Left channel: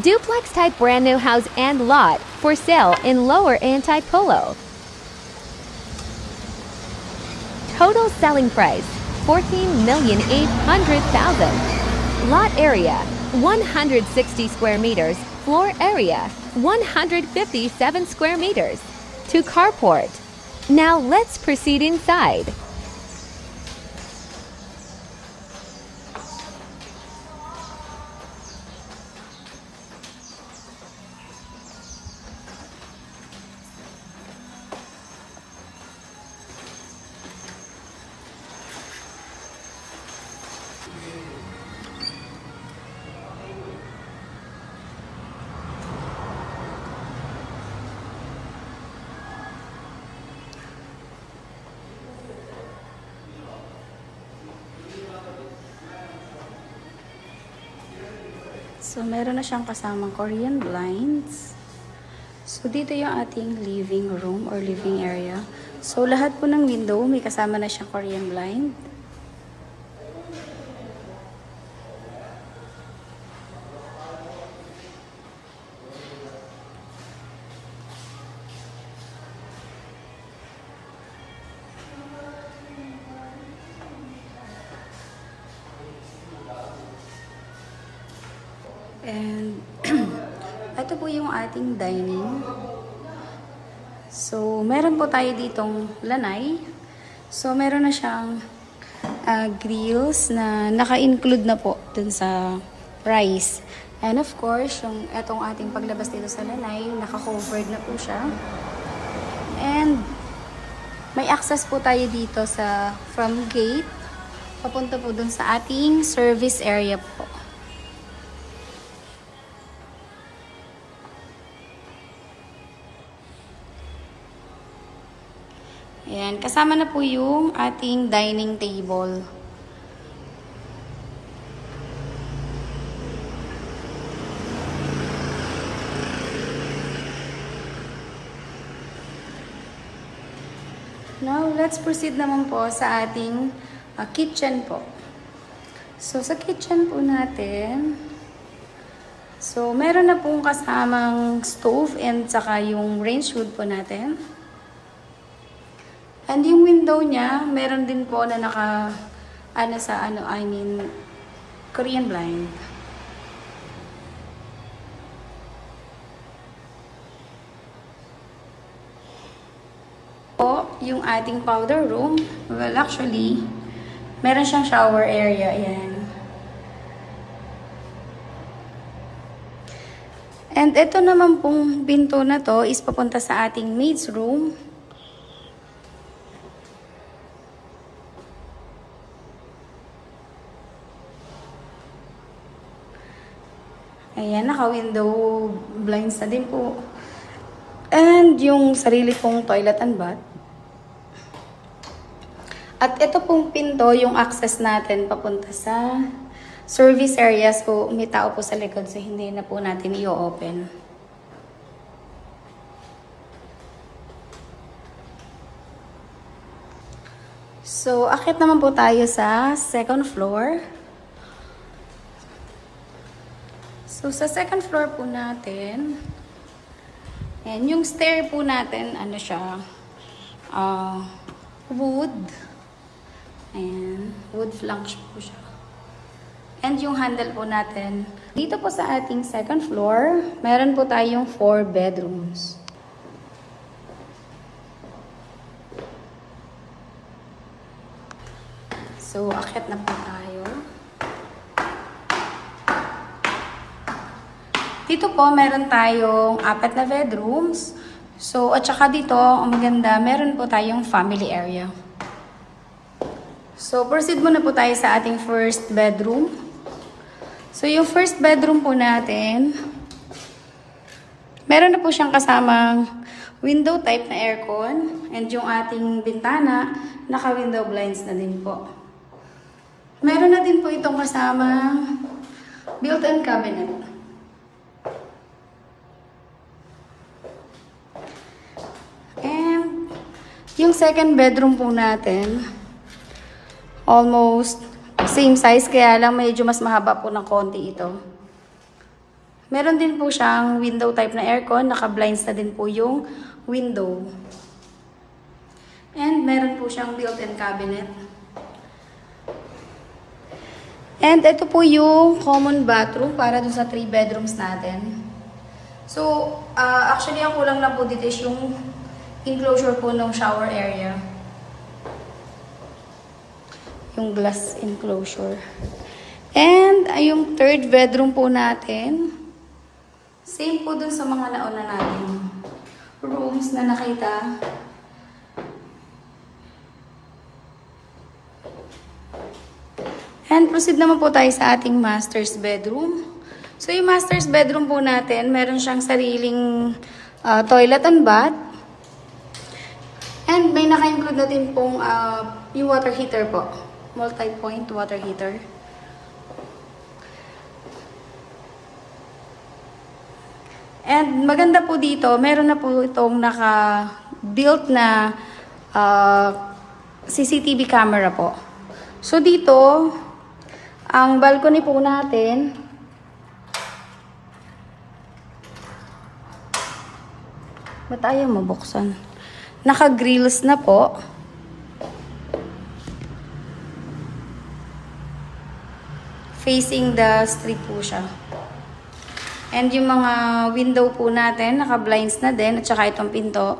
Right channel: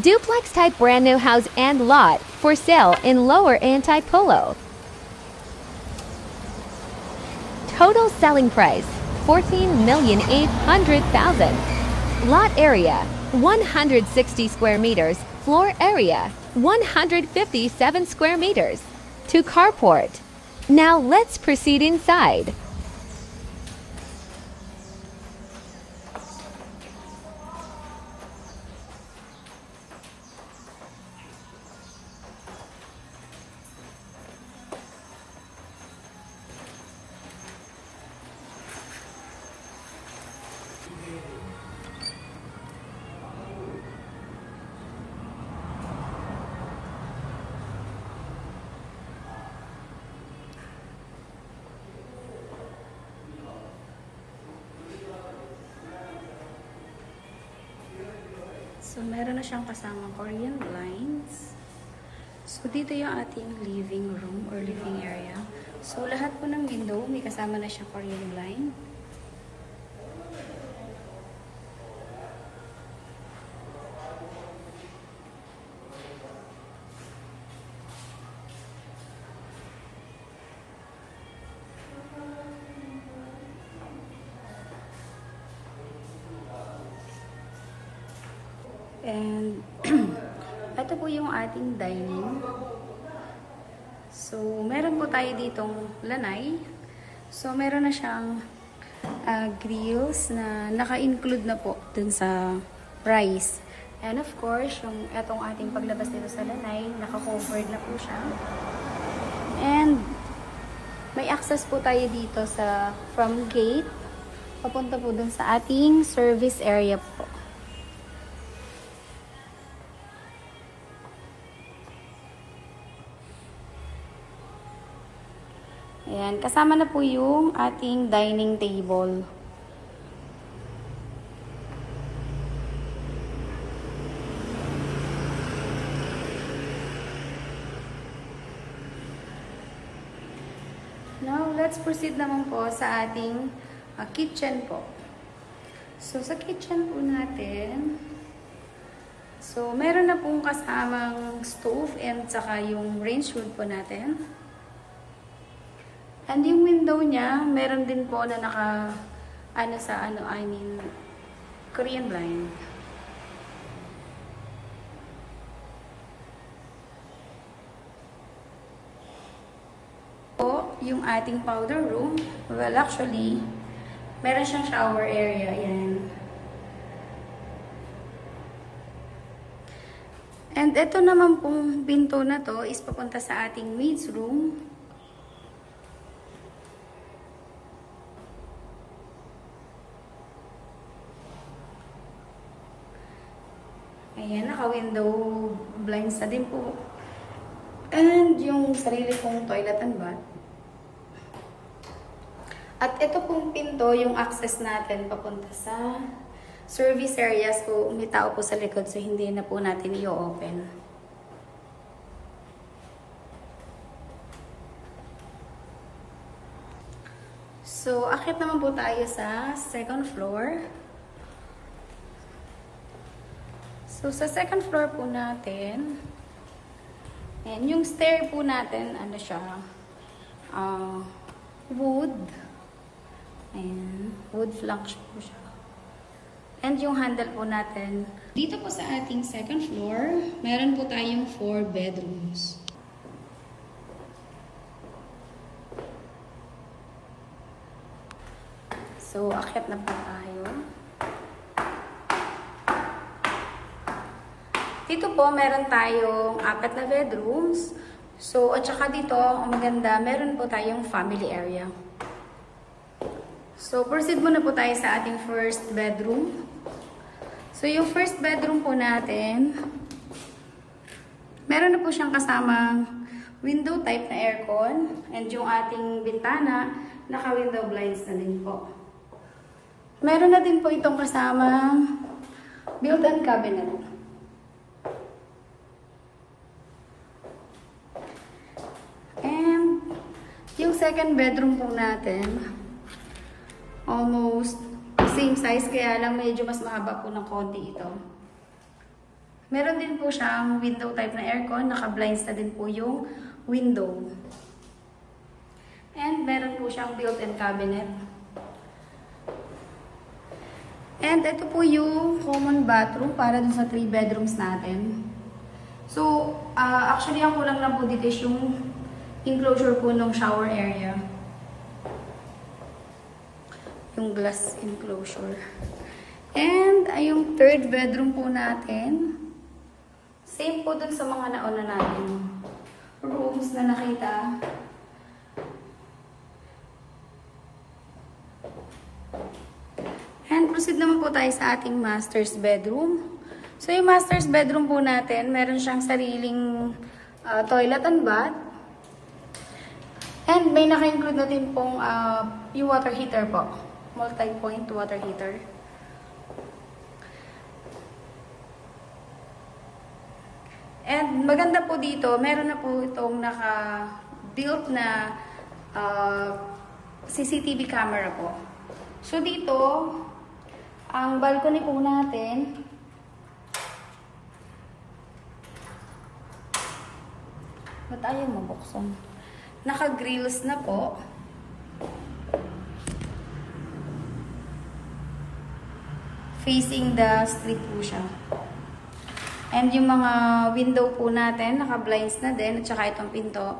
Duplex type brand new house and lot for sale in Lower Antipolo. Total selling price $14,800,000. Lot area 160 square meters. Floor area 157 square meters. 2 carport. Now let's proceed inside. So, meron na siyang kasamang Korean blinds. So, dito yung ating living room or living area. So, lahat po ng window may kasama na siyang Korean blind. And, ito po yung ating dining. So, meron po tayo ditong lanay. So, meron na siyang grills na naka-include na po dun sa price. And of course, yung etong ating paglabas dito sa lanay, naka-covered na po siya. And, may access po tayo dito sa from gate, papunta po dun sa ating service area po. Ayan, kasama na po yung ating dining table. Now, let's proceed naman po sa ating kitchen po. So, sa kitchen po natin, so, meron na pong kasamang stove and saka yung range hood po natin. And yung window niya, meron din po na Korean blind. Po, yung ating powder room, well actually, meron siyang shower area, ayan. And ito naman pong pinto na to is papunta sa ating maid's room. Ayan, naka-window blinds na din po. And yung sarili pong toilet and bath. At ito pong pinto, yung access natin papunta sa service area. So, may tao po sa likod. So, hindi na po natin i-open. So, akit naman po tayo sa second floor. So, sa second floor po natin, and yung stair po natin, ano siya, wood. Ayan, wood flanks po siya. And yung handle po natin, dito po sa ating second floor, meron po tayong 4 bedrooms. So, akit na po tayo. Dito po, meron tayong 4 na bedrooms. So, at saka dito, ang maganda, meron po tayong family area. So, proceed muna po tayo sa ating first bedroom. So, yung first bedroom po natin, meron na po siyang kasamang window type na aircon. And yung ating bintana, naka-window blinds na din po. Meron na din po itong kasamang built-in cabinet. Yung second bedroom po natin, almost same size, kaya lang medyo mas mahaba po ng konti ito. Meron din po siyang window type na aircon. Naka-blinds na din po yung window. And meron po siyang built-in cabinet. And ito po yung common bathroom para dun sa 3 bedrooms natin. So, actually ang kulang lang po dito is yung enclosure po ng shower area. Yung glass enclosure. And yung 3rd bedroom po natin. Same po dun sa mga nauna natin rooms na nakita. And proceed naman po tayo sa ating master's bedroom. So yung master's bedroom po natin, meron siyang sariling toilet and bath. And may naka-include na din pong yung water heater po. Multi-point water heater. And maganda po dito, meron na po itong naka-built na CCTV camera po. So dito, ang balcony po natin, ba't ayaw mabuksan? Naka-grills na po. Facing the street po siya. And yung mga window po natin, naka-blinds na din, at saka itong pinto,